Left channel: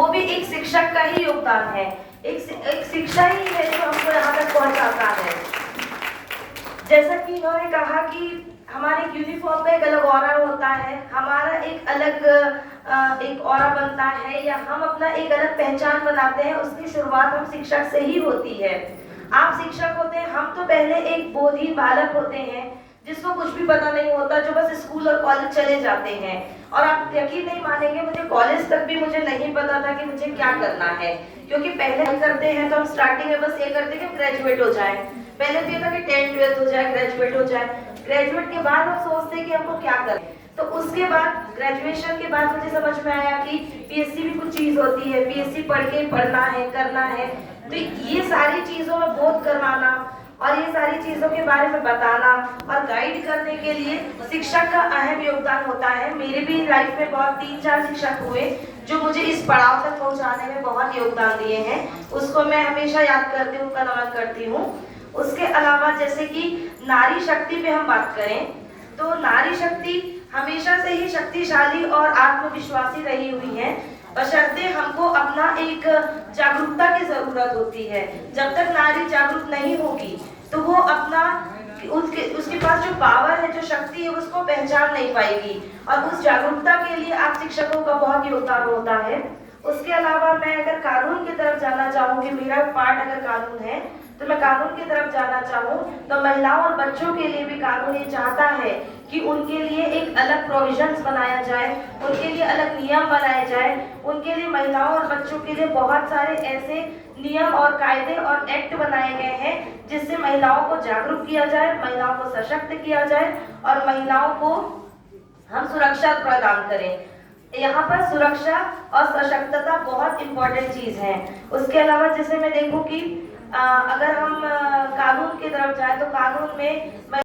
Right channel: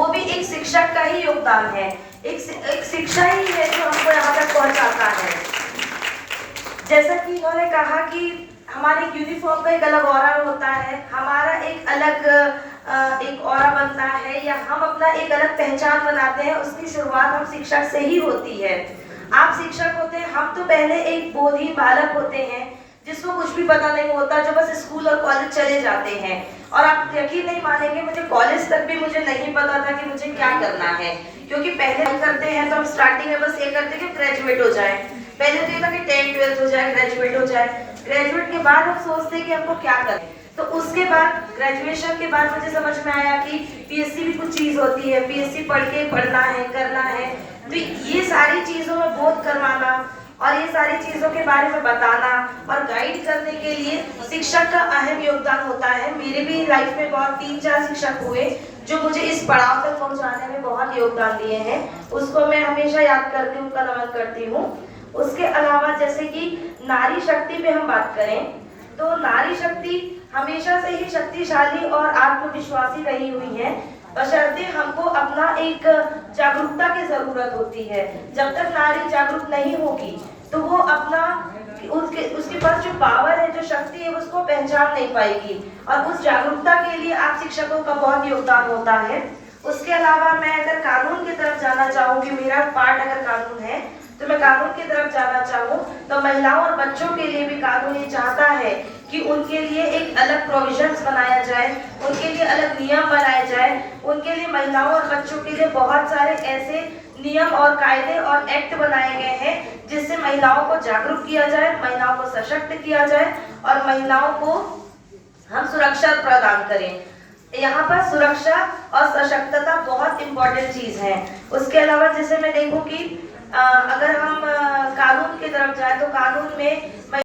वो भी एक शिक्षक का ही योगदान है। एक शिक्षा ही है जो हमको यहाँ तक पहुँचाता है। जैसा कि उन्होंने कहा कि हमारे यूनिफॉर्म का एक अलग ऑरा होता है, हमारा एक अलग एक ऑरा बनता है, या हम अपना एक अलग पहचान बनाते हैं। उसकी शुरुआत हम शिक्षक से ही होती है। आप शिक्षक होते हैं, हम तो पहले एक बोधी बालक होते हैं जिसको कुछ भी पता नहीं होता, जो बस स्कूल और कॉलेज चले जाते हैं। और आप यकीन नहीं मानेंगे, मुझे कॉलेज तक भी मुझे नहीं पता था कि मुझे क्या करना है, क्योंकि पहले करते हैं तो हम स्टार्टिंग में बस ये करते हैं कि ग्रेजुएट हो जाए। पहले तो ये था कि 10th 12th हो जाए, ग्रेजुएट हो जाए। ग्रेजुएट के बाद हम सोचते हैं कि हमको क्या करें। तो उसके बाद ग्रेजुएशन के बाद मुझे समझ में आया कि पीएससी भी कुछ चीज होती है, पीएससी पढ़ के पढ़ना है, करना है। तो ये सारी चीजों में बोध करवाना और ये सारी चीजों के बारे में बताना और गाइड करने के लिए शिक्षक का अहम योगदान होता है। मेरे भी लाइफ में बहुत 3-4 शिक्षक हुए जो मुझे इस पड़ाव तक पहुंचाने में बहुत योगदान दिए हैं। उसको मैं हमेशा याद करती हूँ, उनका नमन करती हूँ। उसके अलावा जैसे कि नारी शक्ति पे हम बात करें तो नारी शक्ति हमेशा से ही शक्तिशाली और आत्मविश्वासी रही हुई है, बशर्ते हमको अपना एक जागरूकता की जरूरत होती है। जब तक नारी जागरूक नहीं होगी तो वो अपना उसके पास जो पावर है, जो शक्ति है, उसको पहचान नहीं पाएगी। और उस जागरूकता के लिए आप शिक्षकों का बहुत योगदान होता है। उसके अलावा मैं अगर कानून की तरफ जाना चाहूँगी, मेरा पार्ट अगर कानून है तो मैं कानून की तरफ जाना चाहूँ तो महिलाओं और बच्चों के लिए भी कानून ये चाहता है कि उनके लिए एक अलग प्रोविजंस बनाया जाए, उनके लिए अलग नियम बनाए जाए। उनके लिए, महिलाओं और बच्चों के लिए बहुत सारे ऐसे नियम और कायदे और एक्ट बनाए गए हैं जिससे महिलाओं को जागरूक किया जाए, महिलाओं को सशक्त किया जाए और महिलाओं को हम सुरक्षा प्रदान करें। यहाँ पर सुरक्षा और सशक्तता बहुत इंपॉर्टेंट चीज है। उसके अलावा जैसे मैं देखूँ कि अगर हम कानून की तरफ जाए तो कानून में